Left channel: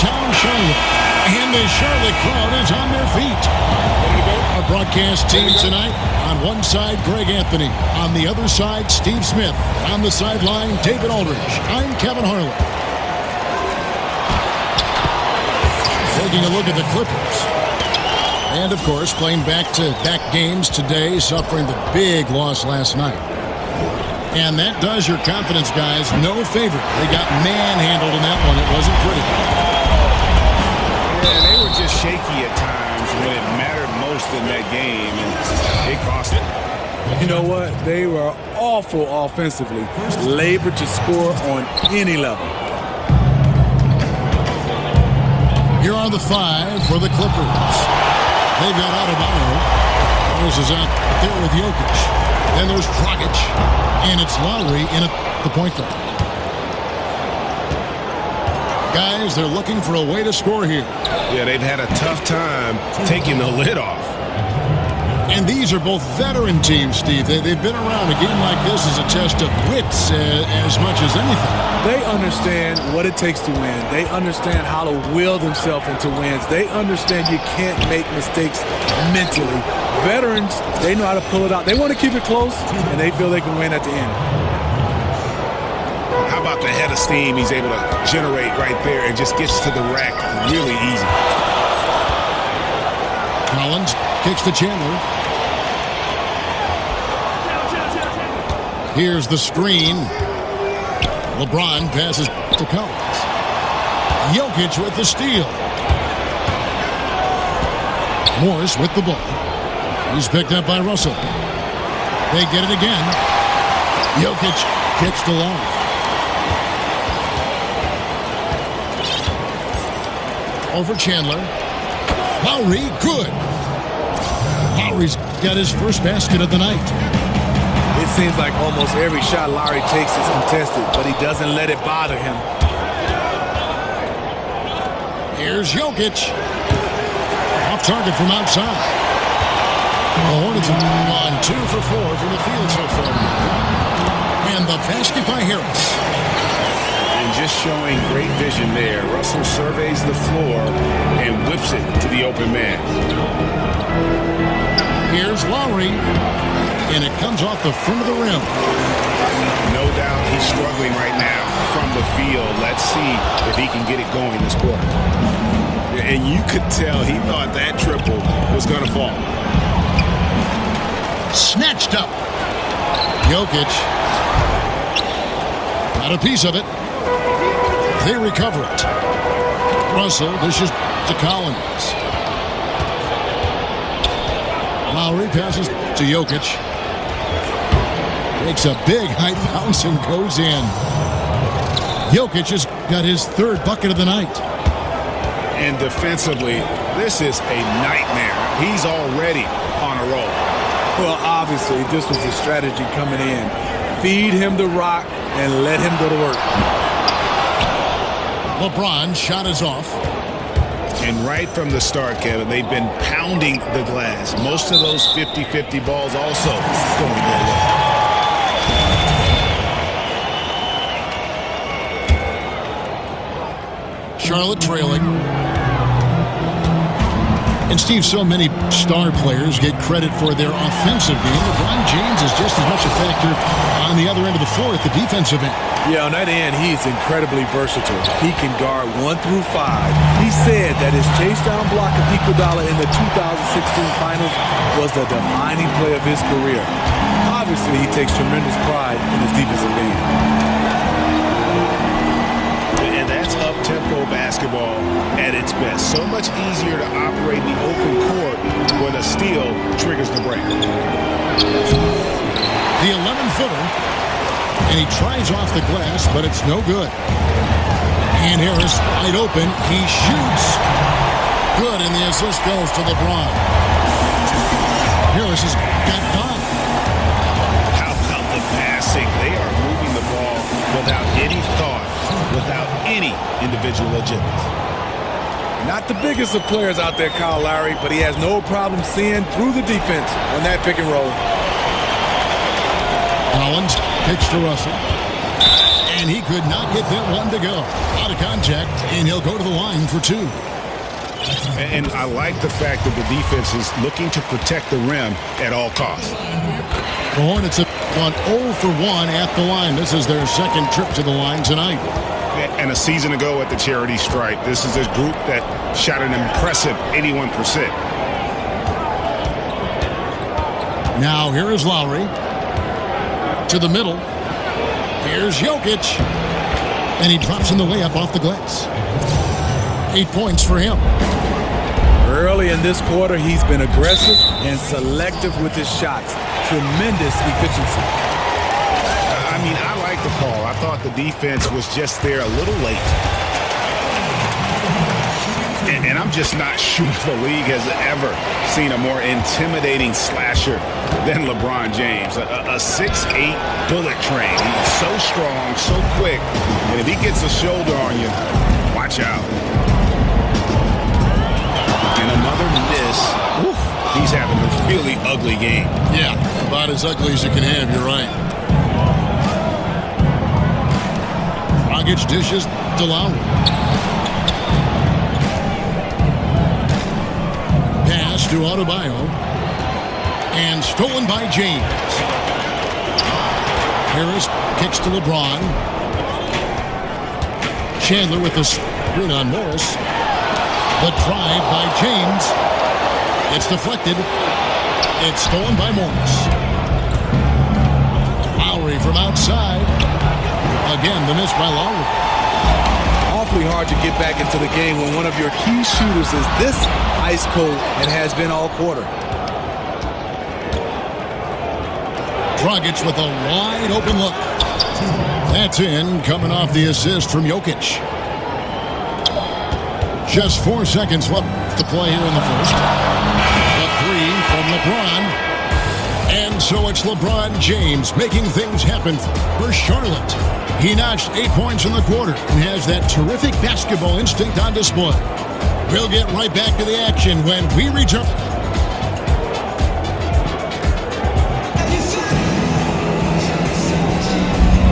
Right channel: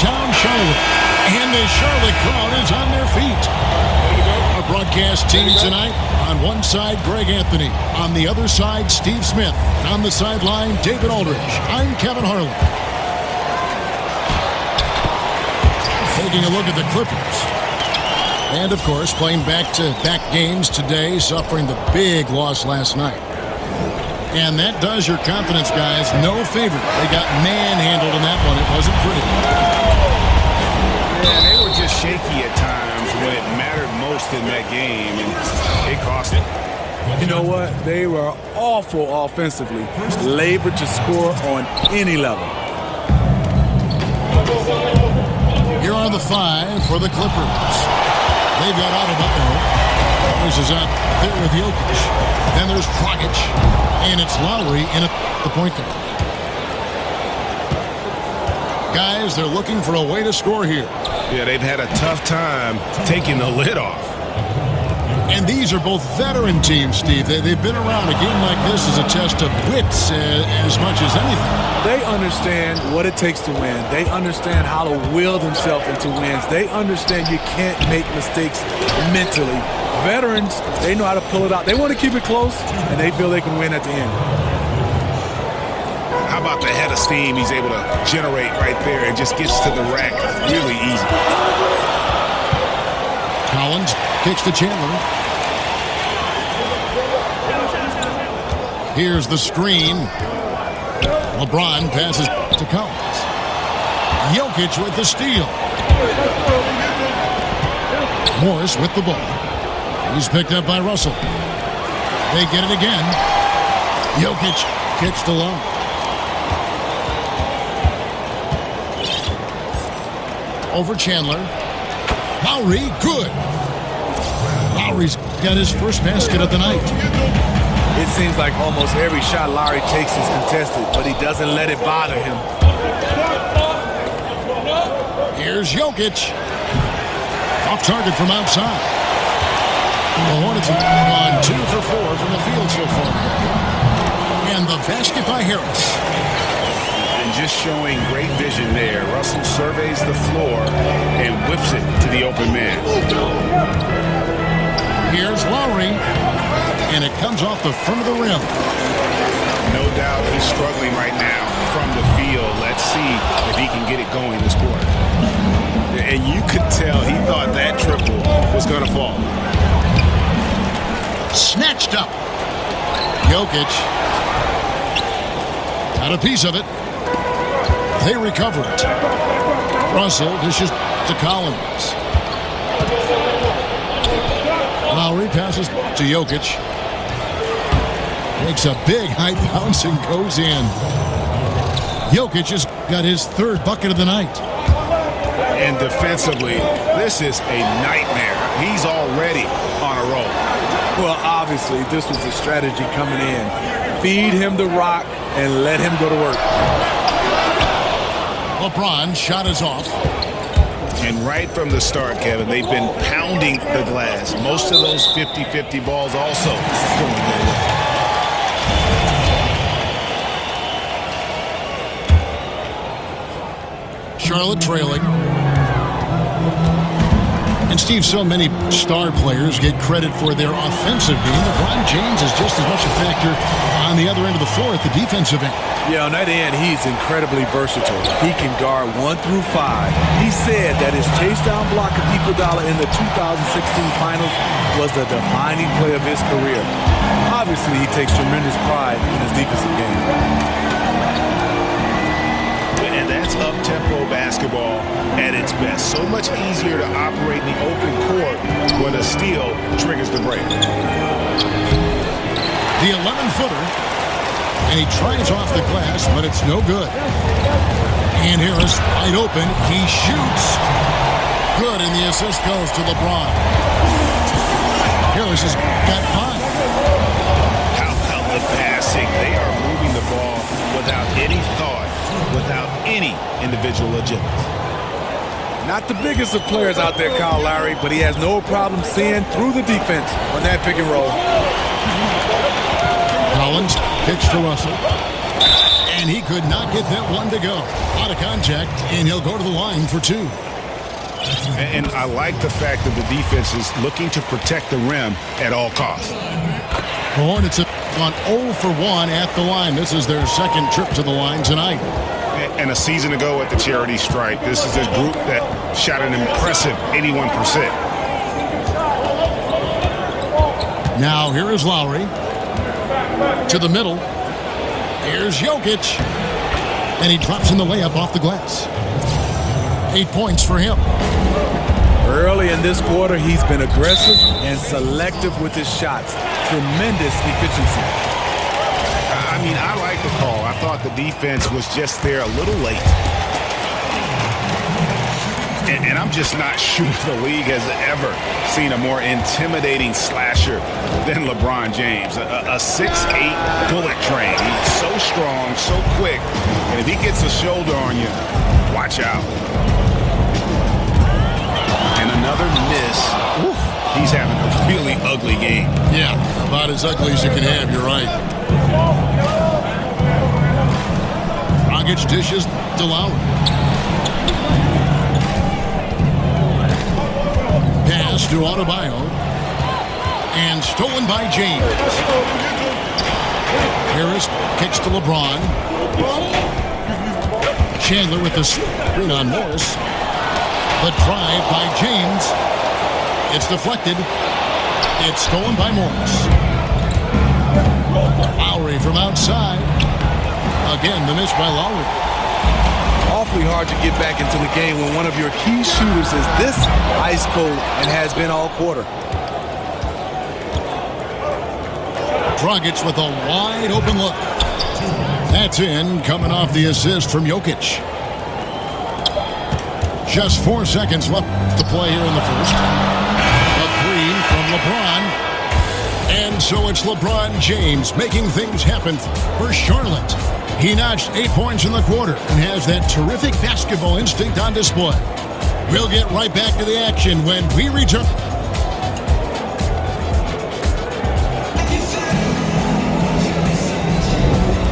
downtown Charlotte. And the Charlotte crowd is on their feet. Ready to go? Our broadcast team tonight, on one side, Greg Anthony. On the other side, Steve Smith. And on the sideline, David Aldridge. I'm Kevin Harlan. Taking a look at the Clippers. And, of course, playing back-to-back games today, suffering the big loss last night. And that does your confidence, guys, no favor. They got manhandled in that one. It wasn't pretty. Yeah, they were just shaky at times when it mattered most in that game, and it cost it. You know what? They were awful offensively. Labored to score on any level. Here are the five for the Clippers. They've got Adebayo. Morris is out there with Jokic. Then there's Dragic. And it's Lowry in at the point guard. Guys, they're looking for a way to score here. Yeah, they've had a tough time taking the lid off. And these are both veteran teams, Steve. They've been around. A game like this is a test of wits as much as anything. They understand what it takes to win. They understand how to will themselves into wins. They understand you can't make mistakes mentally. Veterans, they know how to pull it out. They want to keep it close, and they feel they can win at the end. How about the head of steam he's able to generate right there and just gets to the rack really easy. Collins kicks to Chandler. Here's the screen. LeBron passes to Collins. Jokic with the steal. Morris with the ball. He's picked up by Russell. They get it again. Jokic kicks to Lowry. Over Chandler. Lowry, good. Lowry's got his first basket of the night. It seems like almost every shot Lowry takes is contested, but he doesn't let it bother him. Here's Jokic. Off target from outside. The Hornets have gone 2 for 4 from the field so far today. And the basket by Harris. And just showing great vision there. Russell surveys the floor and whips it to the open man. Here's Lowry. And it comes off the front of the rim. No doubt he's struggling right now from the field. Let's see if he can get it going this quarter. And you could tell he thought that triple was going to fall. Snatched up. Jokic got a piece of it. They recover it. Russell dishes to Collins. Lowry passes to Jokic. Takes a big high bounce and goes in. Jokic has got his third bucket of the night. And defensively, this is a nightmare. He's already on a roll. Well, obviously, this was the strategy coming in. Feed him the rock and let him go to work. LeBron shot is off. And right from the start, Kevin, they've been pounding the glass. Most of those 50-50 balls also going their way. Charlotte trailing. And Steve, so many star players get credit for their offensive game. LeBron James is just as much a factor on the other end of the floor at the defensive end. Yeah, on that end, he's incredibly versatile. He can guard 1 through 5. He said that his chase down block of Iguodala in the 2016 finals was the defining play of his career. Obviously, he takes tremendous pride in his defensive game. And that's up-tempo basketball at its best. So much easier to operate in the open court when a steal triggers the break. The 11-footer. And he tries off the glass, but it's no good. And Harris wide open. He shoots. Good, and the assist goes to LeBron. Harris has got 5. How about the passing? They are moving the ball without any thought, without any individual agenda. Not the biggest of players out there, Kyle Lowry, but he has no problem seeing through the defense on that pick and roll. Collins kicks to Russell. And he could not get that one to go. A lot of contact, and he'll go to the line for 2. And I like the fact that the defense is looking to protect the rim at all costs. The Hornets have gone 0 for 1 at the line. This is their second trip to the line tonight. And a season ago at the charity stripe, this is a group that shot an impressive 81%. Now here is Lowry. To the middle. Here's Jokic. And he drops in the layup off the glass. 8 points for him. Early in this quarter, he's been aggressive and selective with his shots. Tremendous efficiency. I mean, I like the call. I thought the defense was just there a little late. And I'm just not sure the league has ever seen a more intimidating slasher than LeBron James. A 6'8" bullet train. He's so strong, so quick. And if he gets a shoulder on you, watch out. And another miss. Oof, he's having a really ugly game. Yeah, about as ugly as you can have. You're right. Dragic dishes to Lowry. Pass to Adebayo. And stolen by James. Harris kicks to LeBron. Chandler with the screen on Morris. The drive by James. It's deflected. It's stolen by Morris. Lowry from outside. Again, the miss by Lowry. Awfully hard to get back into the game when one of your key shooters is this ice cold and has been all quarter. Dragic with a wide open look. That's in, coming off the assist from Jokic. Just 4 seconds left to play here in the first. The 3 from LeBron. And so it's LeBron James making things happen for Charlotte. He notched 8 points in the quarter and has that terrific basketball instinct on display. We'll get right back to the action when we return.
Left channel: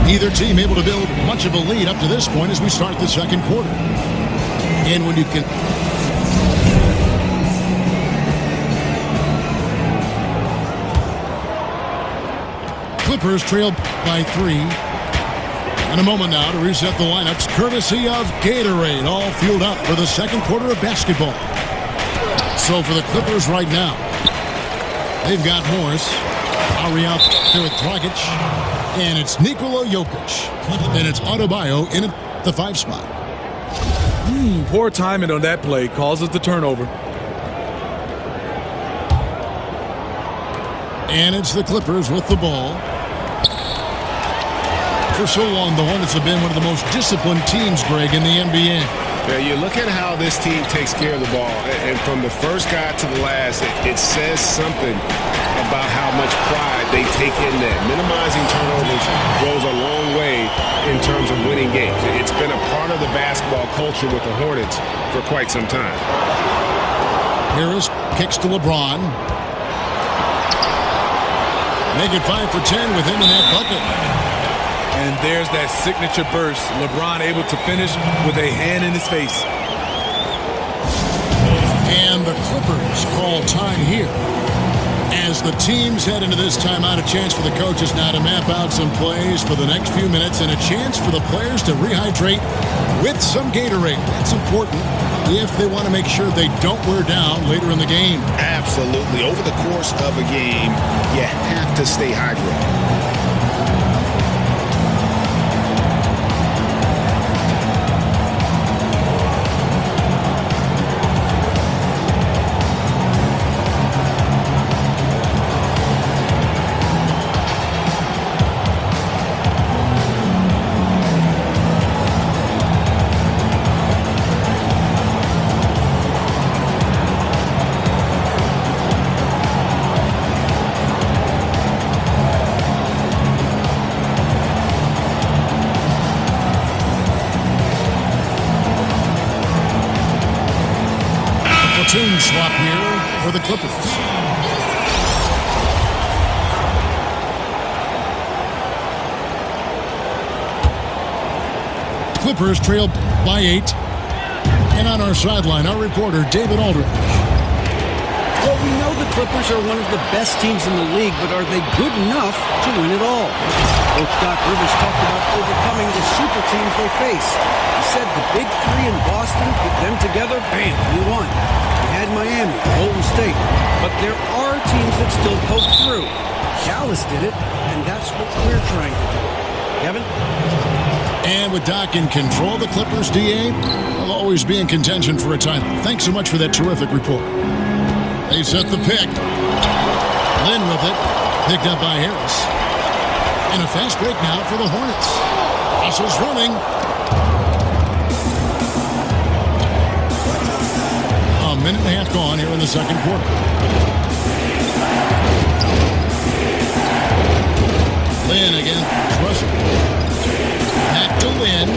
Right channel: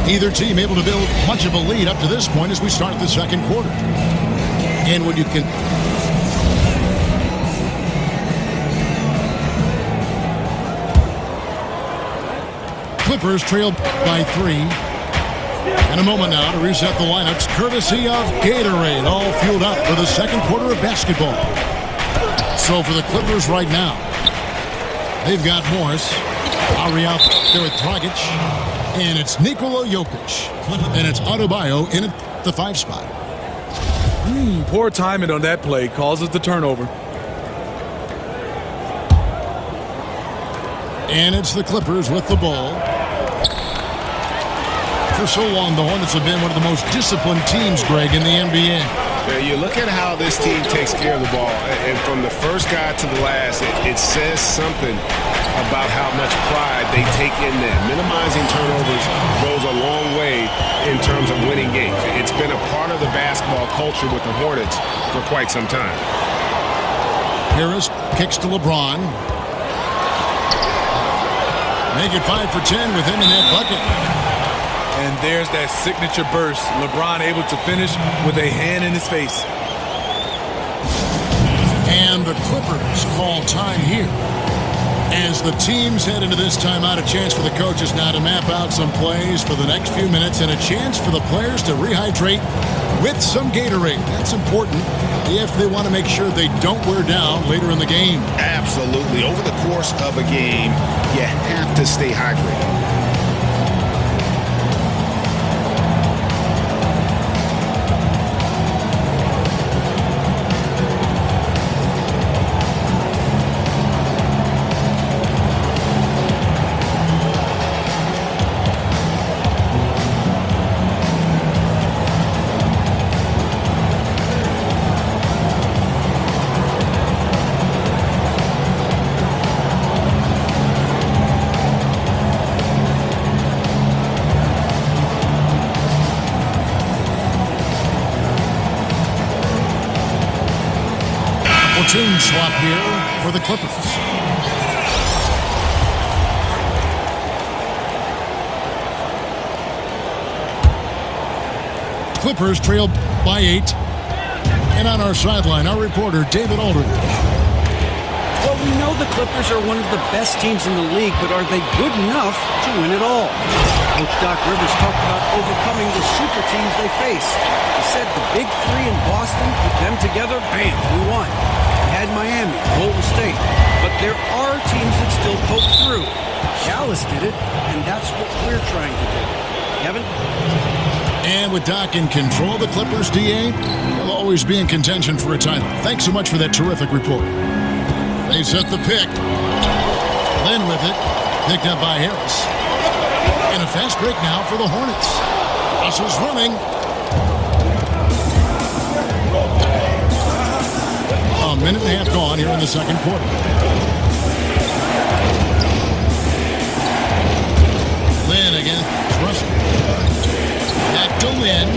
Neither team able to build much of a lead up to this point as we start the second quarter. And when you can... Clippers trail by 3. And a moment now to reset the lineups courtesy of Gatorade, all fueled up for the second quarter of basketball. So for the Clippers right now, they've got Morris, Lowry out there with Dragic, and it's Nikola Jokic, and it's Adebayo in at the 5 spot. Poor timing on that play causes the turnover. And it's the Clippers with the ball. For so long, the Hornets have been one of the most disciplined teams, Greg, in the NBA. Yeah, you look at how this team takes care of the ball, and from the first guy to the last, it says something about how much pride they take in that. Minimizing turnovers goes a long way in terms of winning games. It's been a part of the basketball culture with the Hornets for quite some time. Harris kicks to LeBron. Make it 5 for 10 with him in that bucket. And there's that signature burst. LeBron able to finish with a hand in his face. And the Clippers call time here. As the teams head into this timeout, a chance for the coaches now to map out some plays for the next few minutes and a chance for the players to rehydrate with some Gatorade. That's important if they want to make sure they don't wear down later in the game. Absolutely. Over the course of a game, you have to stay hydrated. Platoon swap here for the Clippers. Clippers trail by 8. And on our sideline, our reporter, David Aldridge. Well, we know the Clippers are one of the best teams in the league, but are they good enough to win it all? Coach Doc Rivers talked about overcoming the super teams they face. He said the big three in Boston, put them together, bam, we won. We had Miami, Golden State, but there are teams that still poke through. Dallas did it, and that's what we're trying to do. Kevin? And with Doc in control of the Clippers, DA, they'll always be in contention for a title. Thanks so much for that terrific report. They set the pick. Lynn with it, picked up by Harris. And a fast break now for the Hornets. Russell's running. A minute and a half gone here in the second quarter. Lynn against Russell. Back to Lynn.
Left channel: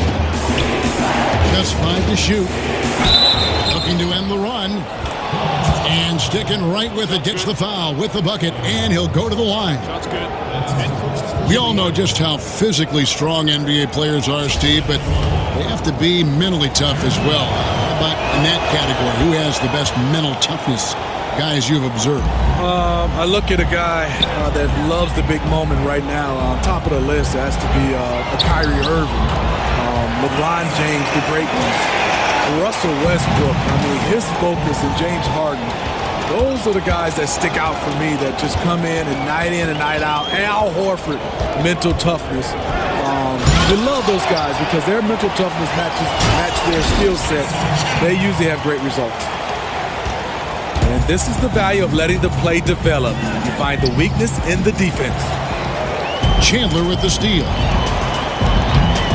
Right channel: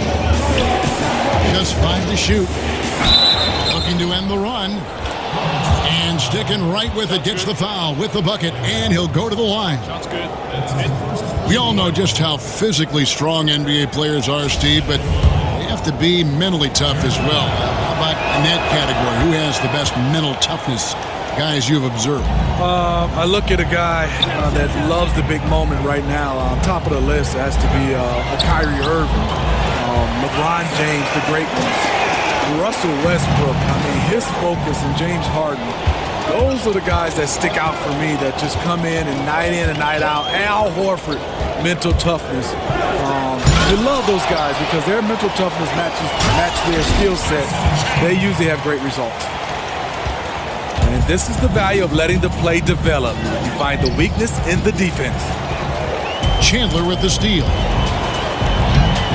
Just 5 to shoot. Looking to end the run. And sticking right with it, gets the foul with the bucket, and he'll go to the line. Shot's good. That's it. We all know just how physically strong NBA players are, Steve, but they have to be mentally tough as well. How about in that category? Who has the best mental toughness, guys you've observed? I look at a guy that loves the big moment right now. On top of the list has to be a Kyrie Irving, LeBron James, the great ones. Russell Westbrook, I mean, his focus, and James Harden, those are the guys that stick out for me that just come in and night out. Al Horford, mental toughness. You love those guys because their mental toughness match their skill set. They usually have great results. And this is the value of letting the play develop. You find the weakness in the defense. Chandler with the steal.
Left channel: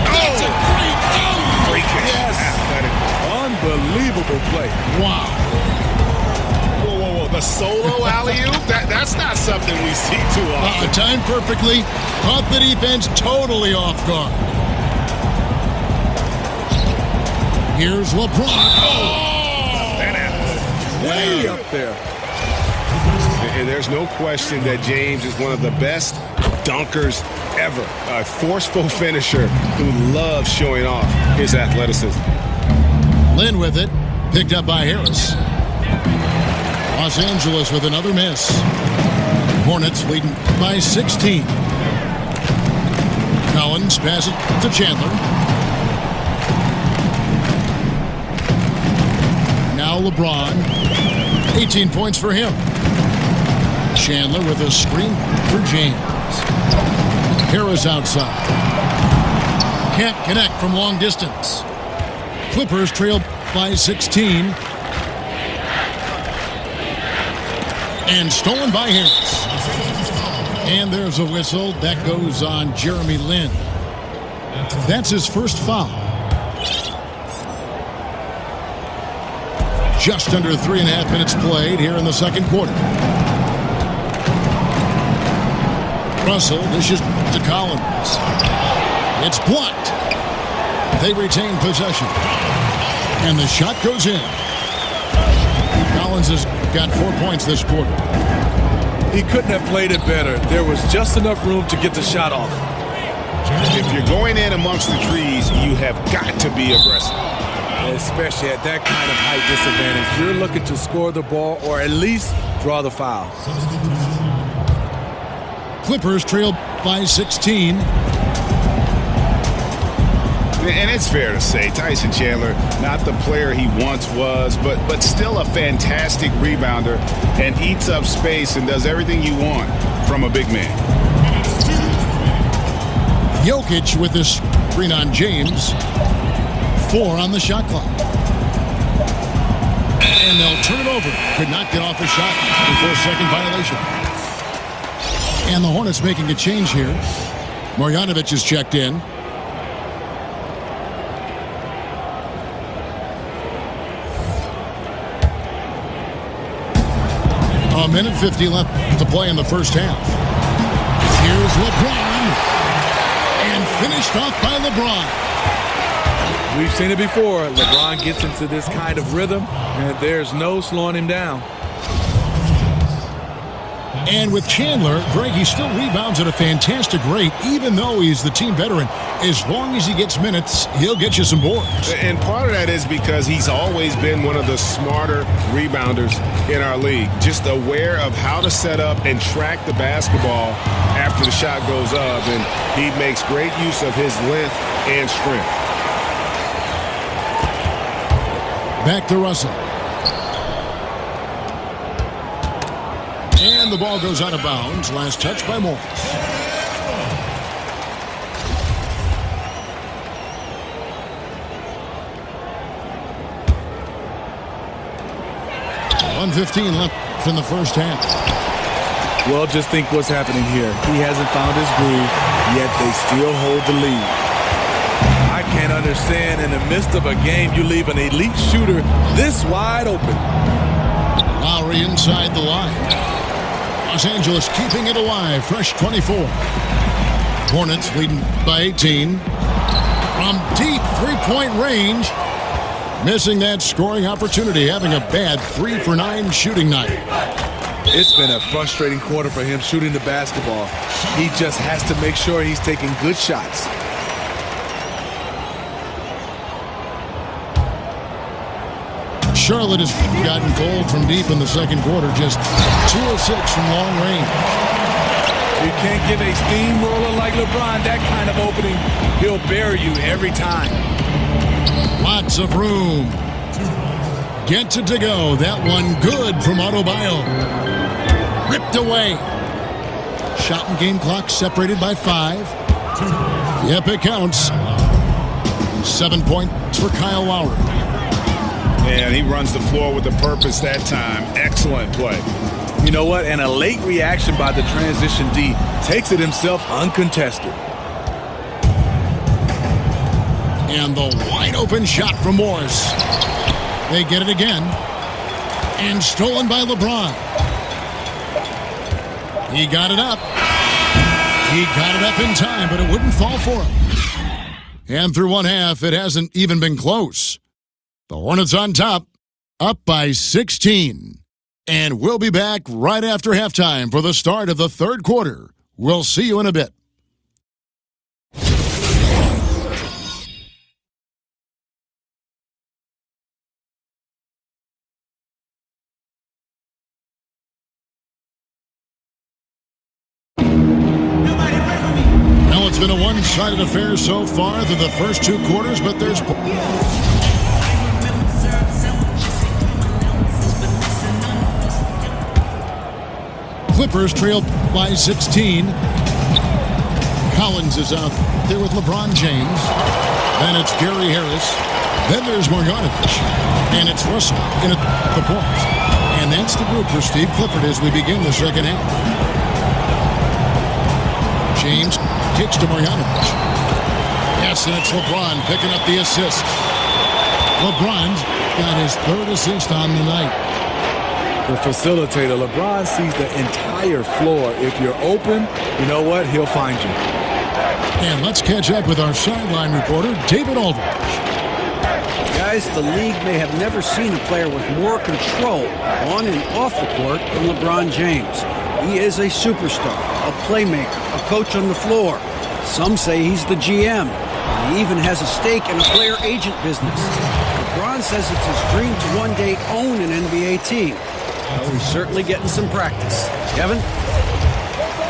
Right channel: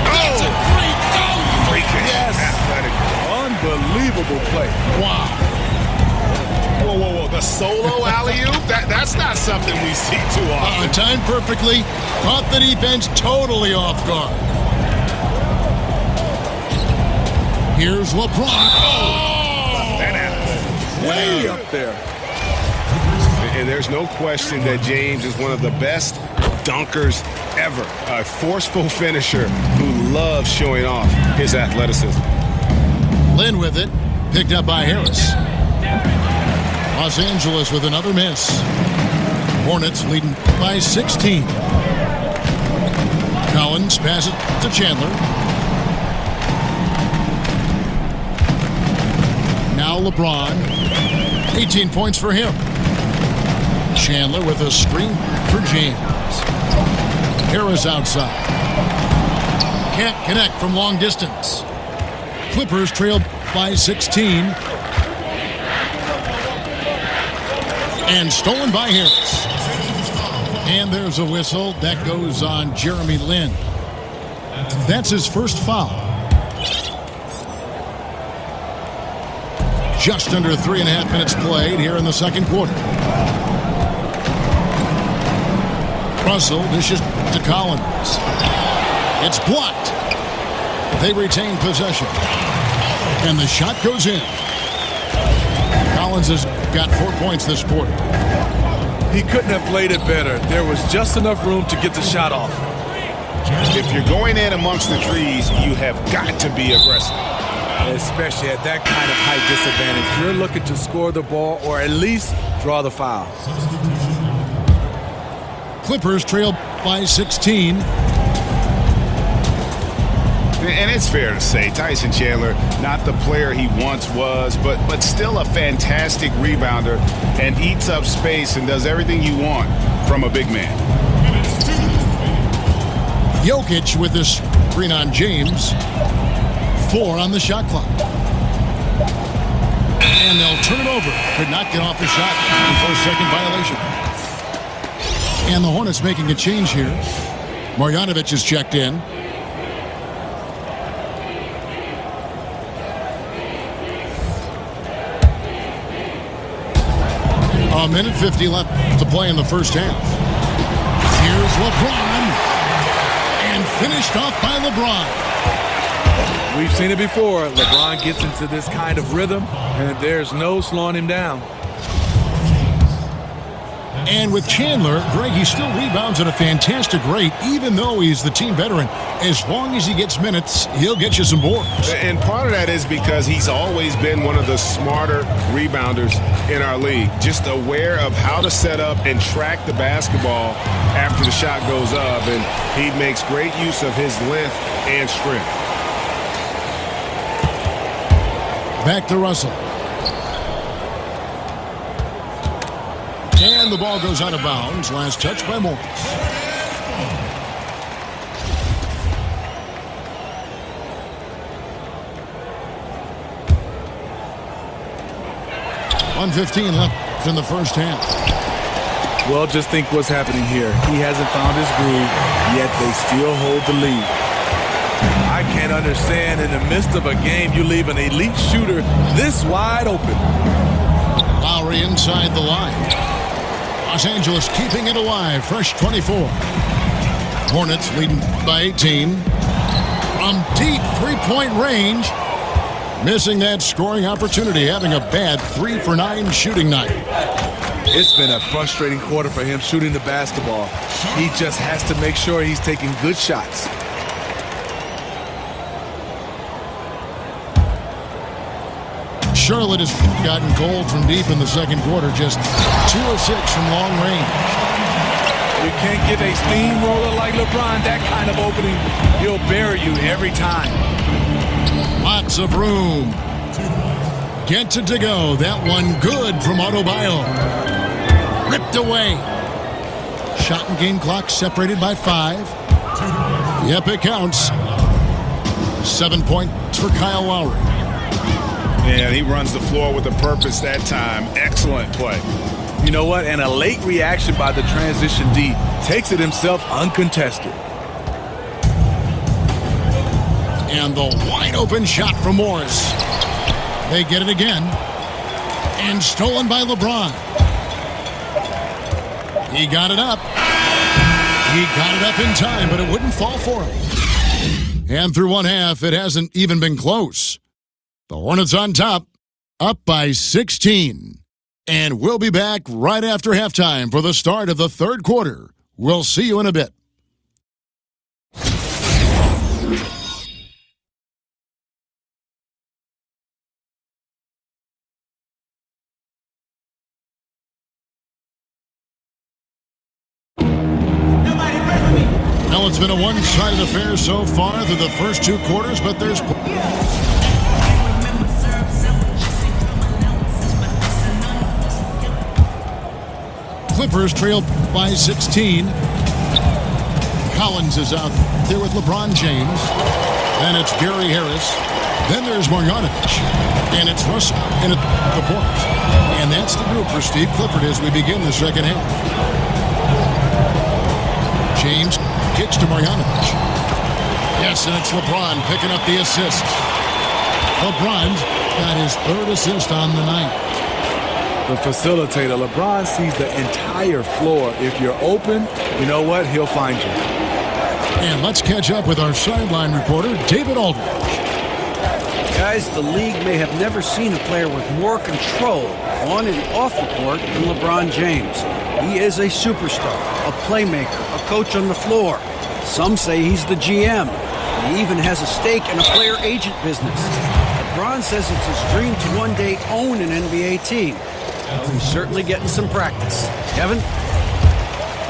That's a great dunk! Freakish, yes. Athletically. Unbelievable play. Wow. Whoa. The solo alley-oop? That's not something we see too often. Timed perfectly. Caught the defense totally off guard. Here's LeBron. Way up there. And there's no question that James is one of the best dunkers ever. A forceful finisher who loves showing off his athleticism. Lynn with it. Picked up by Harris. Los Angeles with another miss. Hornets leading by 16. Collins passes to Chandler. Now LeBron. 18 points for him. Chandler with a screen for James. Harris outside. Can't connect from long distance. Clippers trail by 16. And stolen by Harris. And there's a whistle. That goes on Jeremy Lin. That's his first foul. Just under 3.5 minutes played here in the second quarter. Russell dishes to Collins. It's blocked. They retain possession. And the shot goes in. Collins has got 4 points this quarter. He couldn't have played it better. There was just enough room to get the shot off. If you're going in amongst the trees, you have got to be aggressive. Especially at that kind of height disadvantage. You're looking to score the ball or at least draw the foul. Clippers trail by 16. And it's fair to say Tyson Chandler, not the player he once was, but still a fantastic rebounder and eats up space and does everything you want from a big man. Jokic with this screen on James. 4 on the shot clock. And they'll turn it over. Could not get off the shot. 24-second violation. And the Hornets making a change here. Marjanovic is checked in. A minute 50 left to play in the first half. Here's LeBron. And finished off by LeBron. We've seen it before. LeBron gets into this kind of rhythm, and there's no slowing him down. And with Chandler, Greg, he still rebounds at a fantastic rate, even though he's the team veteran. As long as he gets minutes, he'll get you some boards. And part of that is because he's always been one of the smarter rebounders in our league, just aware of how to set up and track the basketball after the shot goes up, and he makes great use of his length and strength. Back to Russell. And the ball goes out of bounds. Last touch by Morris. 1:15 left in the first half. Well, just think what's happening here. He hasn't found his groove, yet they still hold the lead. I can't understand in the midst of a game you leave an elite shooter this wide open. Lowry inside the line. Los Angeles keeping it alive. Fresh 24. Hornets leading by 18. From deep three-point range. Missing that scoring opportunity. Having a bad 3-for-9 shooting night. It's been a frustrating quarter for him shooting the basketball. He just has to make sure he's taking good shots. Charlotte has gotten cold from deep in the second quarter. Just 2 of 6 from long range. You can't give a steamroller like LeBron that kind of opening. He'll bury you every time. Lots of room. Gets it to go. That one good from Adebayo. Ripped away. Shot and game clock separated by 5. Yep, it counts. 7 points for Kyle Lowry. And he runs the floor with a purpose that time. Excellent play. You know what? And a late reaction by the transition D takes it himself uncontested. And the wide open shot from Morris. They get it again. And stolen by LeBron. He got it up. He got it up in time, but it wouldn't fall for him. And through one half, it hasn't even been close. The Hornets on top, up by 16. And we'll be back right after halftime for the start of the third quarter. We'll see you in a bit. Now it's been a one-sided affair so far through the first 2 quarters, but there's... Clippers trail by 16. Collins is out there with LeBron James. Then it's Gary Harris. Then there's Marjanovic. And it's Russell in at the point. And that's the group for Steve Clifford as we begin the second half. James kicks to Marjanovic. Yes, and it's LeBron picking up the assist. LeBron's got his 3rd assist on the night. The facilitator, LeBron, sees the entire floor. If you're open, you know what? He'll find you. And let's catch up with our sideline reporter, David Aldridge. Guys, the league may have never seen a player with more control on and off the court than LeBron James. He is a superstar, a playmaker, a coach on the floor. Some say he's the GM, and he even has a stake in a player agent business. LeBron says it's his dream to one day own an NBA team. Well, he's certainly getting some practice. Kevin?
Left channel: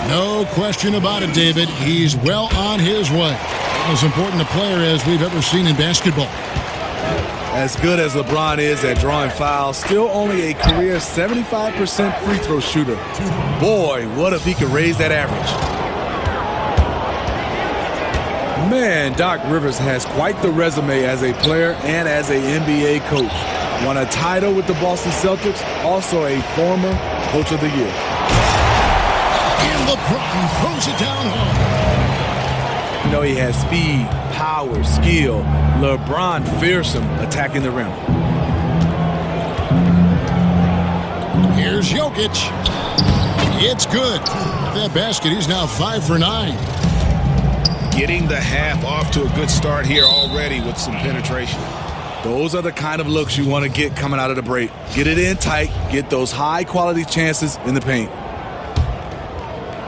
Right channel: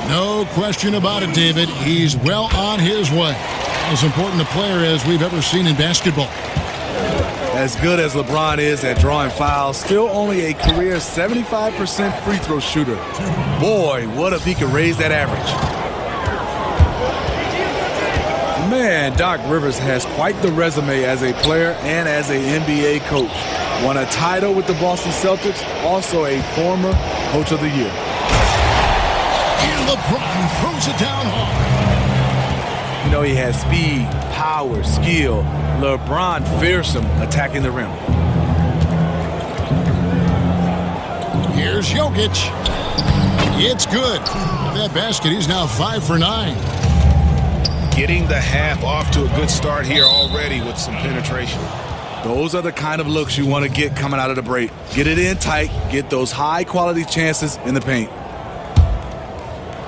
No question about it, David. He's well on his way. As important a player as we've ever seen in basketball. As good as LeBron is at drawing fouls, still only a career 75% free throw shooter. Boy, what if he could raise that average? Man, Doc Rivers has quite the resume as a player and as an NBA coach. Won a title with the Boston Celtics, also a former Coach of the Year. And LeBron throws it down hard. You know, he has speed, power, skill. LeBron fearsome attacking the rim. Here's Jokic. It's good. With that basket, he's now 5 for 9. Getting the half off to a good start here already with some penetration. Those are the kind of looks you want to get coming out of the break. Get it in tight, get those high-quality chances in the paint.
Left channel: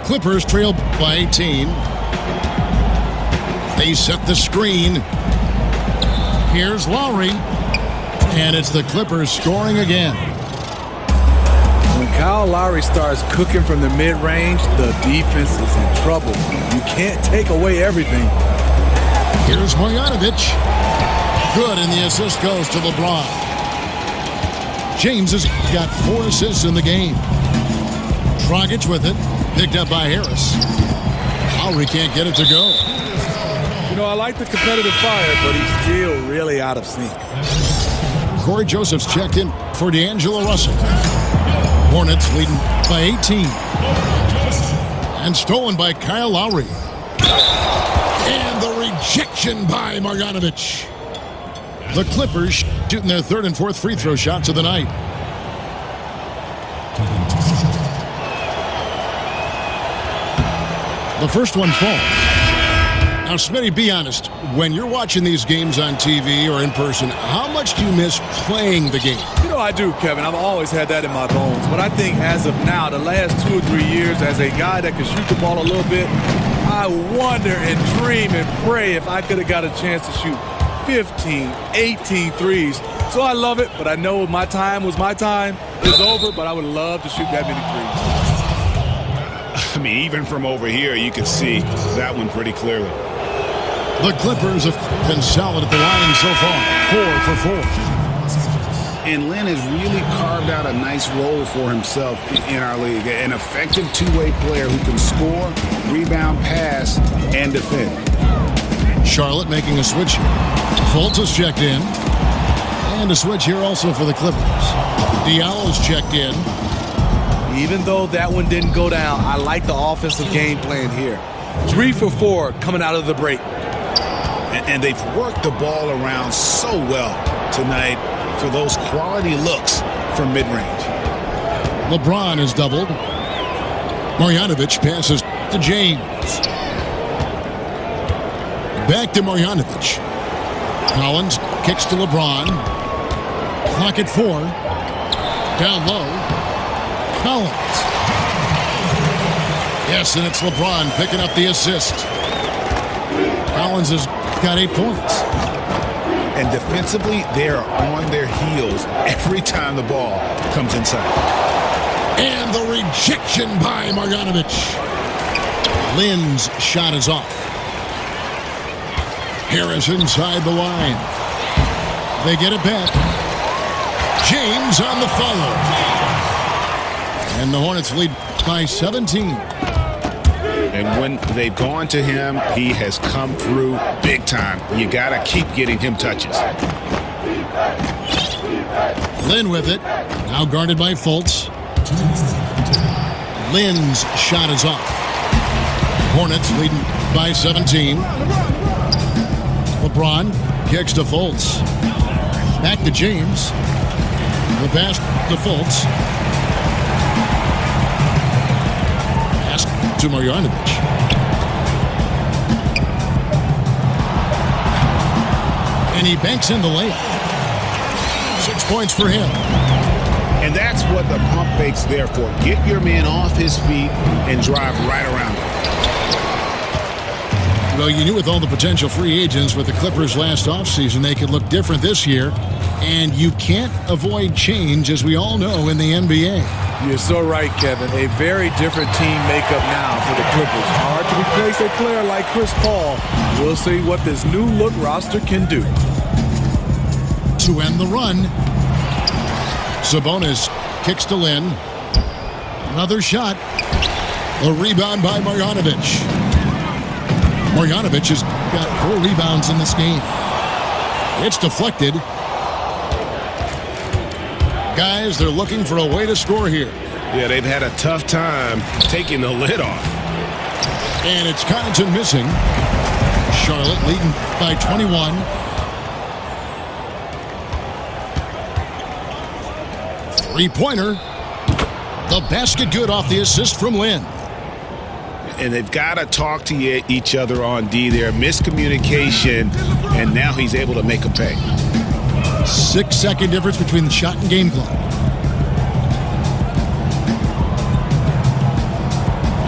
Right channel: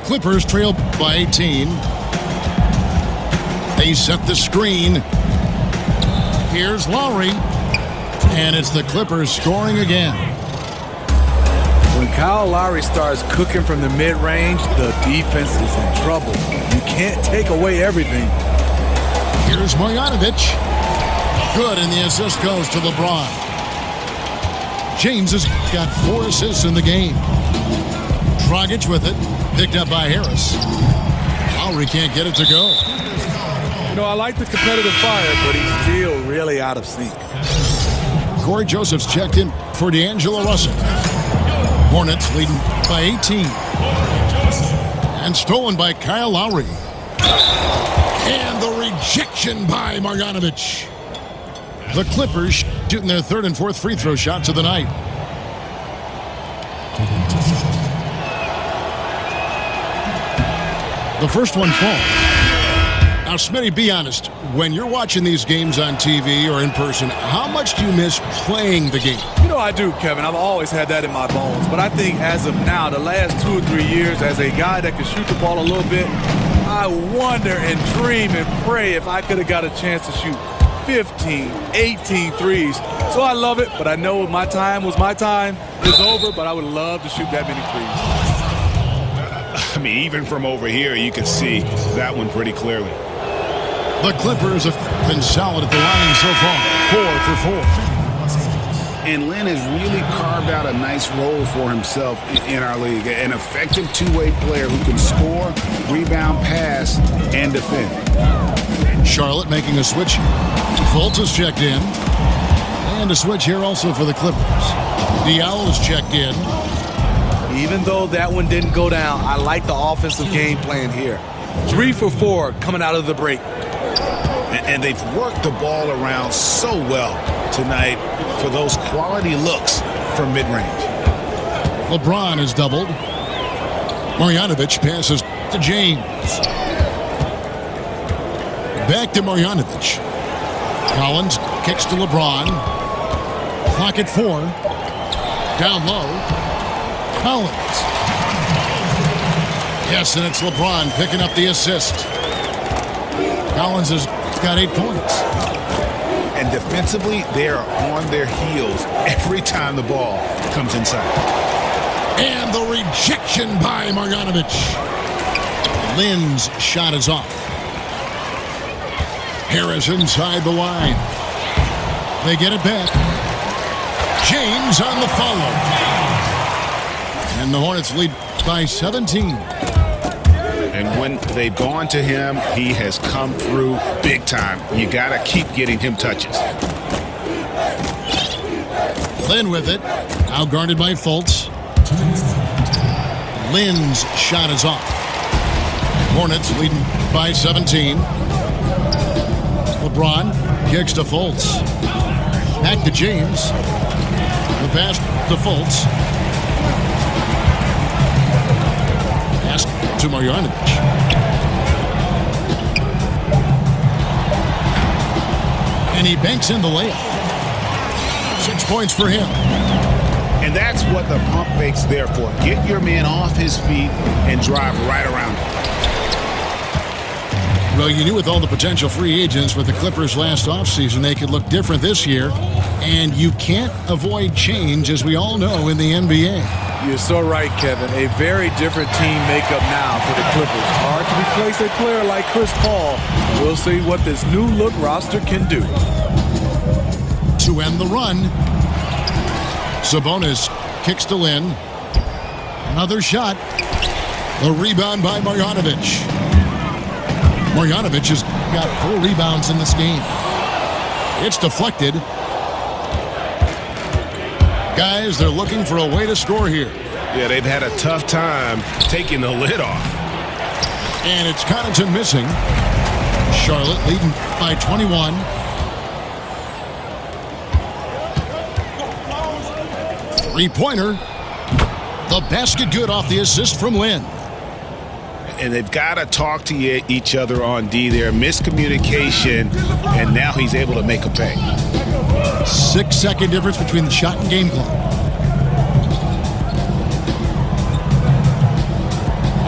Clippers trail by 18. They set the screen. Here's Lowry. And it's the Clippers scoring again. When Kyle Lowry starts cooking from the mid-range, the defense is in trouble. You can't take away everything. Here's Marjanovic. Good, and the assist goes to LeBron. James has got 4 assists in the game. Dragic with it, picked up by Harris. Lowry can't get it to go. You know, I like the competitive fire, but he's still really out of sync. Corey Joseph's checked in for D'Angelo Russell. Hornets leading by 18. And stolen by Kyle Lowry. And the rejection by Marjanovic. The Clippers shooting their 3rd and 4th free throw shots of the night. The first one falls. Now, Smitty, be honest. When you're watching these games on TV or in person, how much do you miss playing the game? You know I do, Kevin. I've always had that in my bones. But I think as of now, the last 2 or 3 years, as a guy that can shoot the ball a little bit, I wonder and dream and pray if I could have got a chance to shoot 15, 18 threes. So I love it, but I know my time was my time. It's over, but I would love to shoot that many threes. I mean, even from over here, you can see that one pretty clearly. The Clippers have been solid at the line so far, 4 for 4. And Lin has really carved out a nice role for himself in our league. An effective two-way player who can score, rebound, pass, and defend. Charlotte making a switch here. Fultz is checked in. And a switch here also for the Clippers. Diallo is checked in. Even though that one didn't go down, I like the offensive game plan here. 3 for 4 coming out of the break. And they've worked the ball around so well tonight for those quality looks from mid-range. LeBron is doubled. Marjanovic passes to James. Back to Marjanovic. Collins kicks to LeBron. Clock at 4. Down low. Collins. Yes, and it's LeBron picking up the assist. Collins has got 8 points. And defensively, they are on their heels every time the ball comes inside. And the rejection by Marjanovic. Lin's shot is off. Harris inside the line. They get it back. James on the follow. And the Hornets lead by 17. And when they've gone to him, he has come through big time. You got to keep getting him touches. Lin with it. Now guarded by Fultz. Lin's shot is off. Hornets leading by 17. LeBron kicks to Fultz. Back to James. The pass to Fultz. Pass to Marjanovic. And he banks in the layup. 6 points for him. And that's what the pump fake's there for. Get your man off his feet and drive right around him. Well, you knew with all the potential free agents with the Clippers last offseason, they could look different this year. And you can't avoid change, as we all know, in the NBA. You're so right, Kevin. A very different team makeup now for the Clippers. Hard to replace a player like Chris Paul. We'll see what this new look roster can do. To end the run, Sabonis kicks to Lin. Another shot. The rebound by Marjanovic. Marjanovic has got 4 rebounds in this game. It's deflected. Guys, they're looking for a way to score here. Yeah, they've had a tough time taking the lid off. And it's Connaughton missing. Charlotte leading by 21. Three-pointer. The basket good off the assist from Lin. And they've got to talk to each other on D there. Miscommunication, and now he's able to make a pay. 6-second difference between the shot and game clock.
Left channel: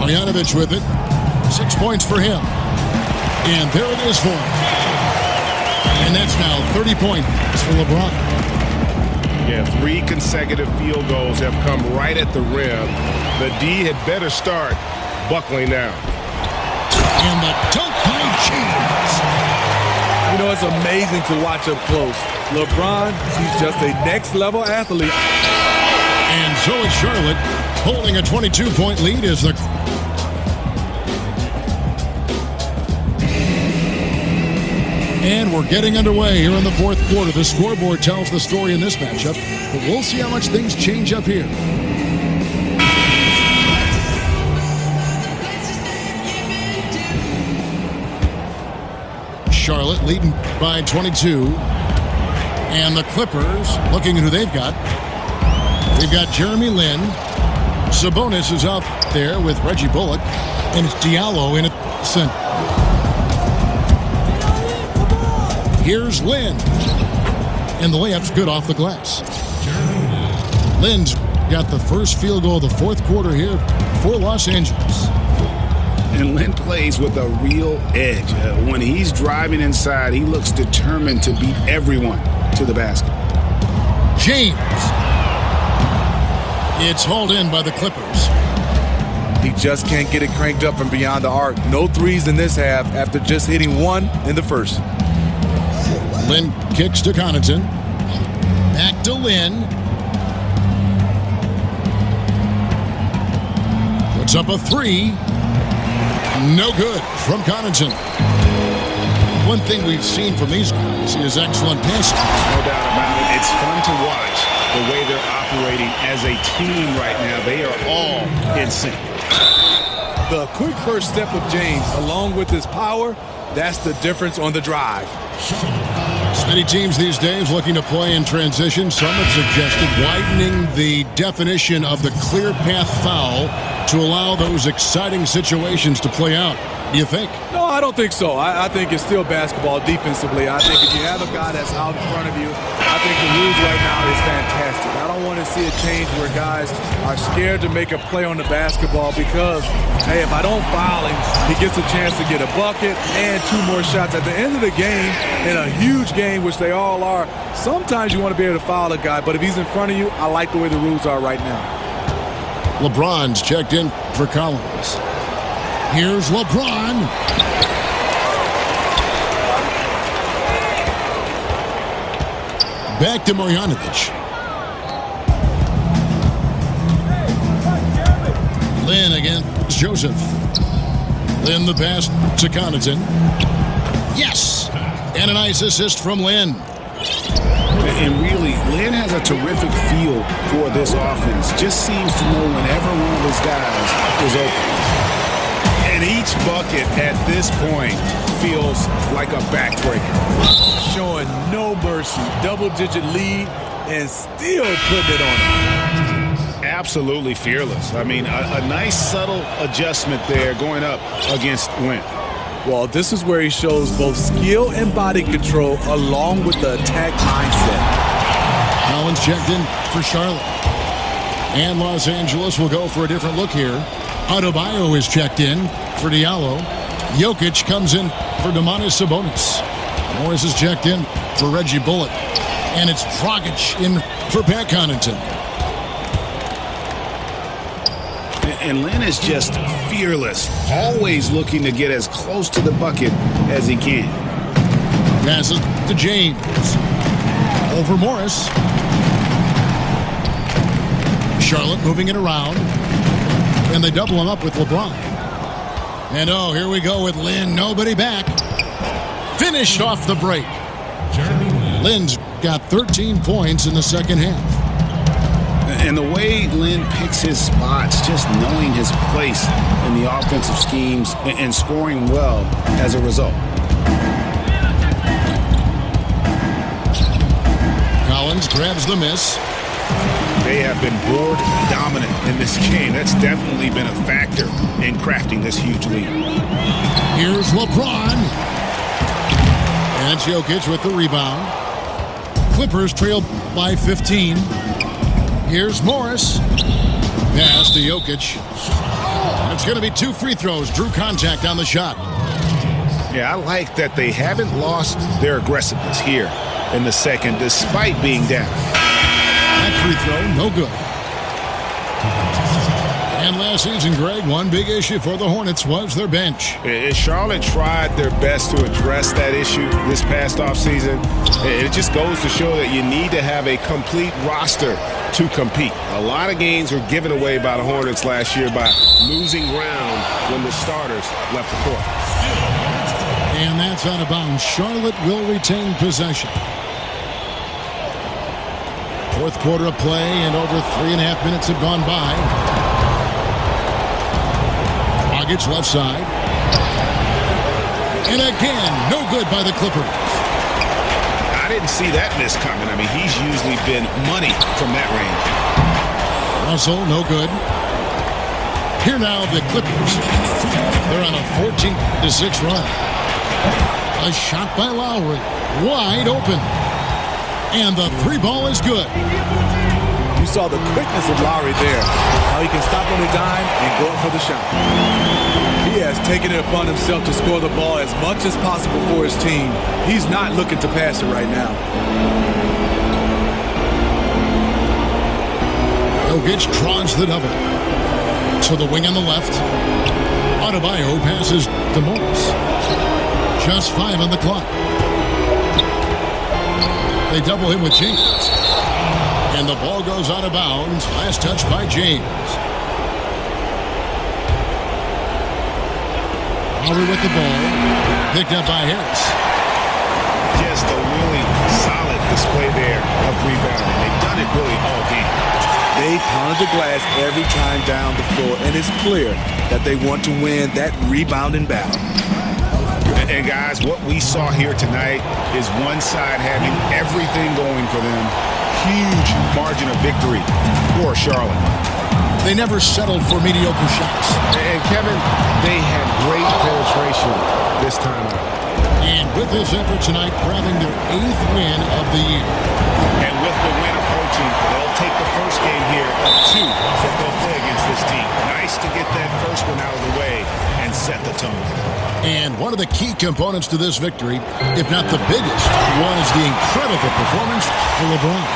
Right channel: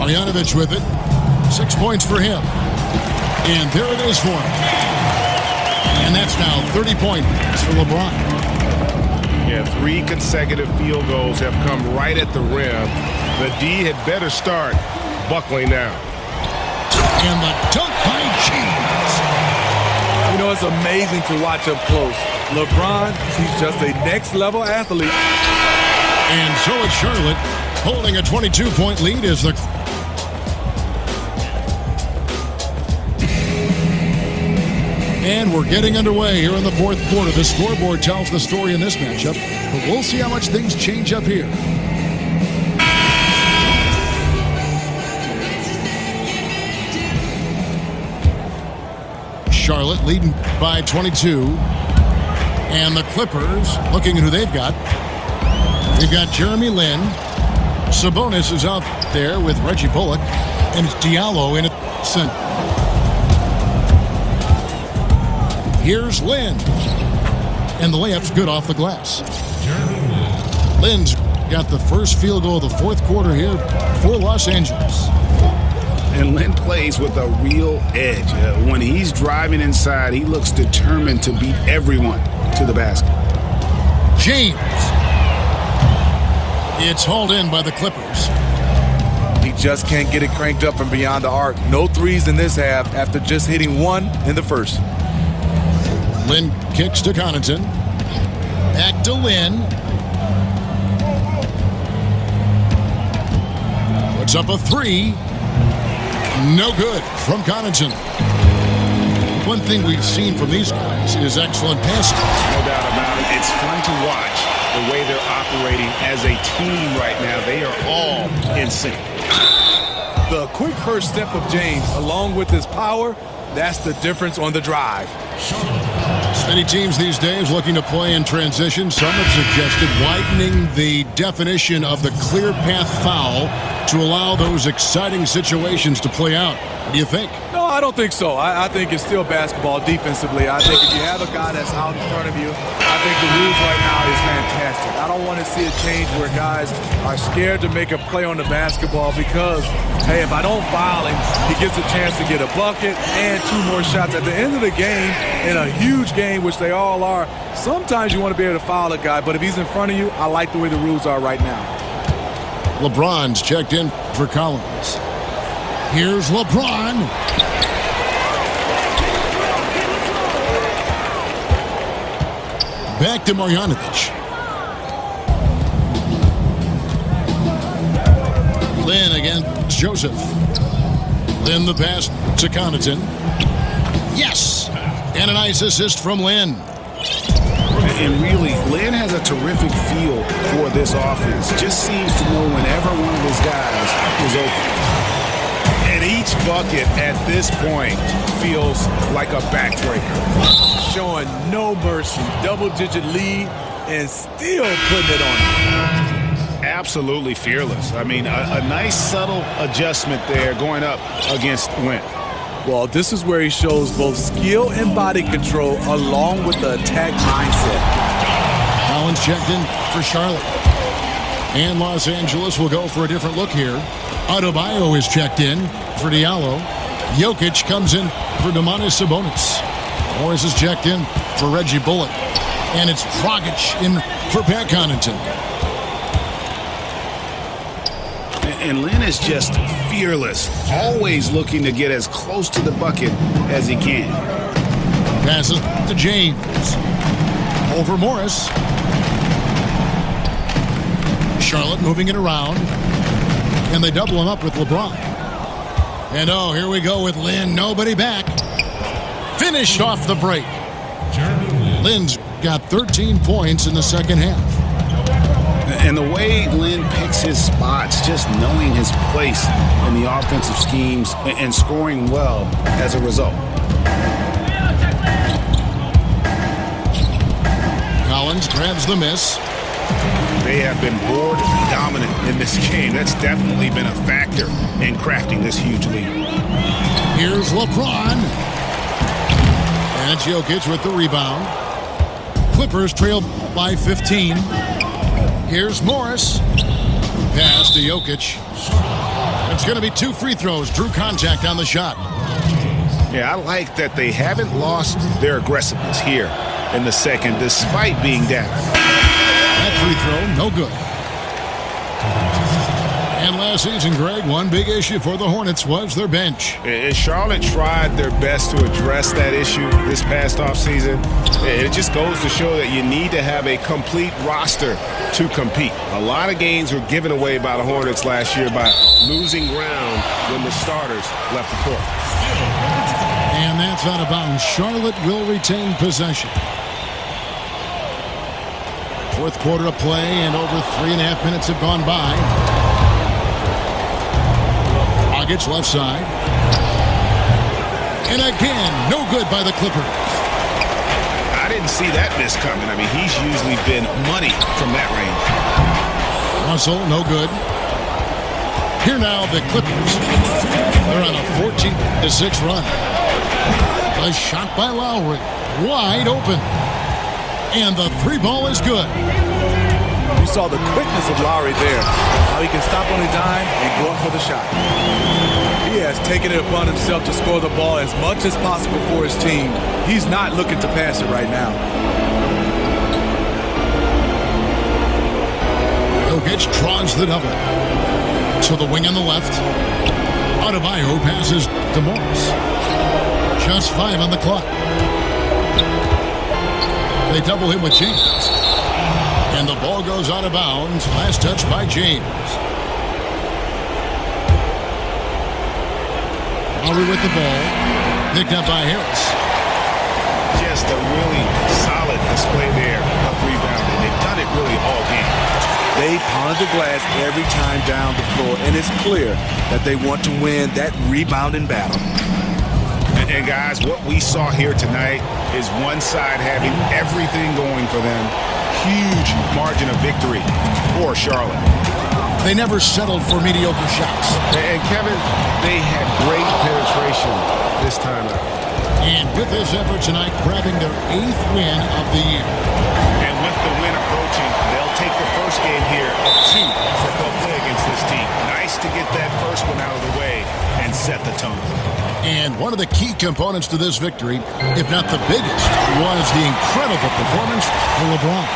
Marjanovic with it. 6 points for him. And there it is for him. And that's now 30 points for LeBron. Yeah, 3 consecutive field goals have come right at the rim. The D had better start buckling down. And the dunk by James. You know, it's amazing to watch up close. LeBron, he's just a next-level athlete. And so it's Charlotte holding a 22-point lead as the... And we're getting underway here in the fourth quarter. The scoreboard tells the story in this matchup, but we'll see how much things change up here. Charlotte leading by 22. And the Clippers looking at who they've got. We've got Jeremy Lin. Sabonis is out there with Reggie Bullock. And it's Diallo in at center. Here's Lin. And the layup's good off the glass. Jeremy Lin. Lin's got the first field goal of the fourth quarter here for Los Angeles. And Lin plays with a real edge. When he's driving inside, he looks determined to beat everyone to the basket. James. It's hauled in by the Clippers. He just can't get it cranked up from beyond the arc. No threes in this half after just hitting 1 in the first. Lin kicks to Connaughton. Back to Lin. Puts up a 3. No good from Connaughton. One thing we've seen from these guys is excellent passing. No doubt about it. It's fun to watch the way they're operating as a team right now. They are all in sync. The quick first step of James, along with his power, that's the difference on the drive. Many teams these days looking to play in transition. Some have suggested widening the definition of the clear path foul to allow those exciting situations to play out. What do you think? No, I don't think so. I think it's still basketball defensively. I think if you have a guy that's out in front of you, I think the rules right now is fantastic. I don't want to see a change where guys are scared to make a play on the basketball because, hey, if I don't foul him, he gets a chance to get a bucket and 2 more shots. At the end of the game, in a huge game, which they all are, sometimes you want to be able to foul a guy, but if he's in front of you, I like the way the rules are right now. LeBron's checked in for Collins. Here's LeBron. Back to Marjanovic. Lin against Joseph. Lin the pass to Connaughton. Yes! And a nice assist from Lin. And really, Lin has a terrific feel for this offense. Just seems to know whenever one of his guys is open. And each bucket at this point feels like a backbreaker. Showing no mercy, double-digit lead, and still putting it on him. Absolutely fearless. I mean, a nice subtle adjustment there going up against Wentz. Well, this is where he shows both skill and body control along with the attack mindset. Collins checked in for Charlotte. And Los Angeles will go for a different look here. Adebayo is checked in for Diallo. Jokic comes in for Domantas Sabonis. Morris is checked in for Reggie Bullock. And it's Dragic in for Pat Connaughton. And Lin is just fearless, always looking to get as close to the bucket as he can. Passes to James. Over Morris. Charlotte moving it around. And they double him up with LeBron. And oh, here we go with Lin. Nobody back. Finished off the break. Jeremy Lin. Lin's got 13 points in the second half. And the way Lin picks his spots, just knowing his place in the offensive schemes and scoring well as a result. Collins grabs the miss. They have been board dominant in this game. That's definitely been a factor in crafting this huge lead. Here's LeBron. And Jokic with the rebound. Clippers trail by 15. Here's Morris. Pass to Jokic. And it's going to be 2 free throws. Drew contact on the shot. Yeah, I like that they haven't lost their aggressiveness here in the second, despite being down. That free throw, no good. And last season, Greg, one big issue for the Hornets was their bench. And Charlotte tried their best to address that issue this past offseason. It just goes to show that you need to have a complete roster to compete. A lot of games were given away by the Hornets last year by losing ground when the starters left the court. And that's out of bounds. Charlotte will retain possession. Fourth quarter of play, and over 3.5 minutes have gone by. Dragic left side. And again, no good by the Clippers. I didn't see that miss coming. I mean, he's usually been money from that range. Russell, no good. Here now, the Clippers. They're on a 14-6 run. A shot by Lowry. Wide open. And the 3-ball is good. You saw the quickness of Lowry there, how he can stop on a dime and go up for the shot. He has taken it upon himself to score the ball as much as possible for his team. He's not looking to pass it right now. Jokic draws the double. To the wing on the left. Adebayo passes to Morris. Just 5 on the clock. They double him with James. And the ball goes out of bounds. Last touch by James. Lowry with the ball. Picked up by Harris. Just a really solid display there of rebounding. They've done it really all game. They pounded the glass every time down the floor, and it's clear that they want to win that rebounding battle. And guys, what we saw here tonight is one side having everything going for them. Huge margin of victory for Charlotte. They never settled for mediocre shots. And Kevin, they had great penetration this time out. And with this effort tonight, grabbing their 8th win of the year. And with the win approaching, they'll take the first game here of 2 that they'll play against this team. Nice to get that first one out of the way and set the tone. And one of the key components to this victory, if not the biggest, was the incredible performance for LeBron.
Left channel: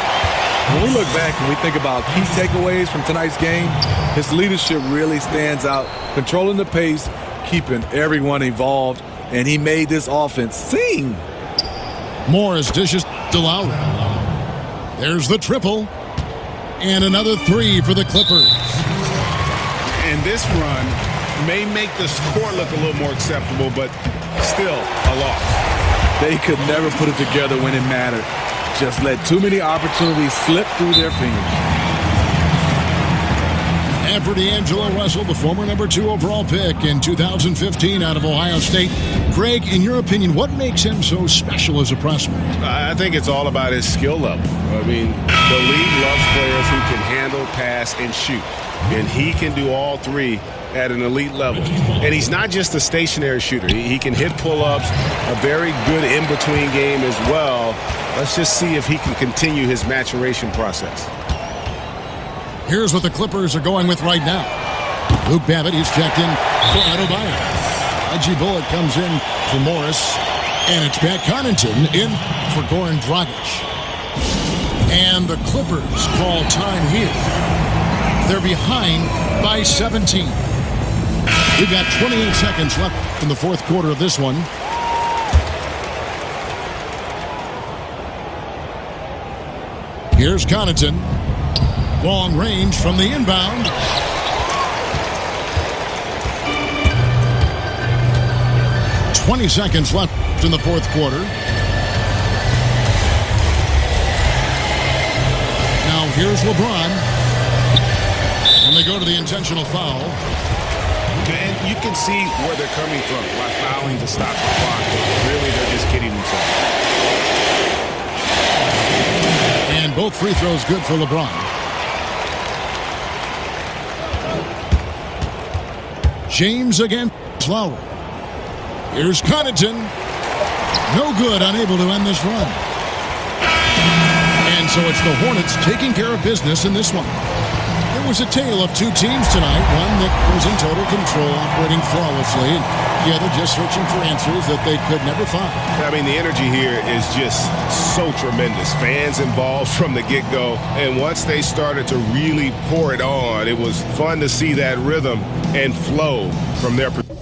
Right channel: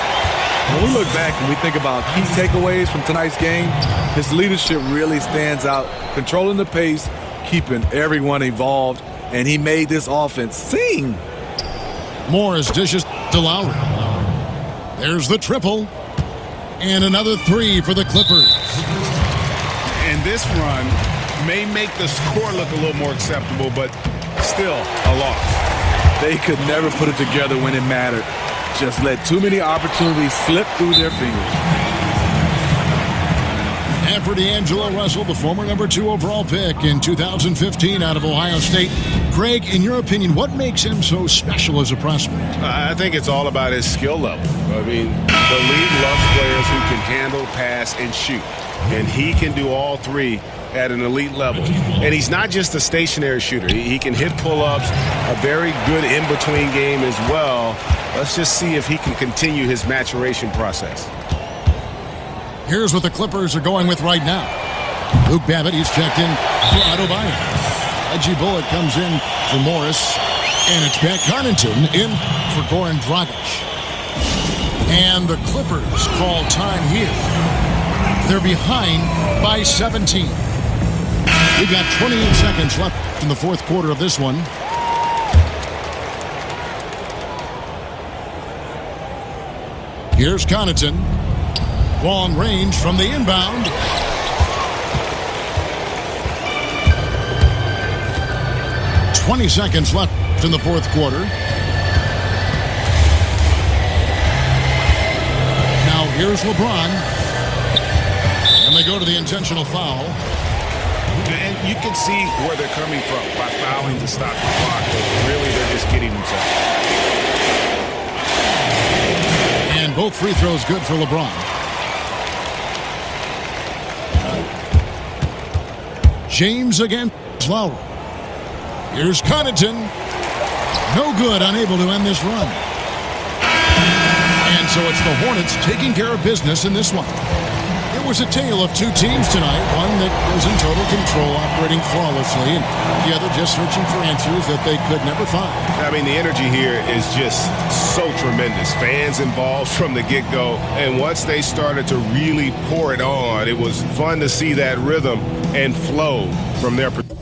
When we look back and we think about key takeaways from tonight's game, his leadership really stands out, controlling the pace, keeping everyone involved, and he made this offense sing. Morris dishes to Lowry. There's the triple. And another 3 for the Clippers. And this run may make the score look a little more acceptable, but still a loss. They could never put it together when it mattered. Just let too many opportunities slip through their fingers. And for D'Angelo Russell, the former number 2 overall pick in 2015 out of Ohio State. Greg, in your opinion, what makes him so special as a prospect? I think it's all about his skill level. I mean, the league loves players who can handle, pass, and shoot. And he can do all 3 at an elite level. And he's not just a stationary shooter. He can hit pull-ups, a very good in-between game as well. Let's just see if he can continue his maturation process. Here's what the Clippers are going with right now. Luke Babbitt, he's checked in for Adebayo. Reggie Bullock comes in for Morris. And it's Pat Connaughton in for Goran Dragic. And the Clippers call time here. They're behind by 17. We've got 28 seconds left in the fourth quarter of this one. Here's Connaughton. Long range from the inbound. $20 seconds left in the fourth quarter. Now here's LeBron. And they go to the intentional foul. And you can see where they're coming from by fouling to stop the clock, but really they're just kidding themselves. And both free throws good for LeBron. James against Lowry. Here's Connaughton. No good, unable to end this run. And so it's the Hornets taking care of business in this one. It was a tale of two teams tonight, one that was in total control, operating flawlessly, and the other just searching for answers that they could never find. I mean, the energy here is just so tremendous. Fans involved from the get-go, and once they started to really pour it on, it was fun to see that rhythm and flow from their perspective.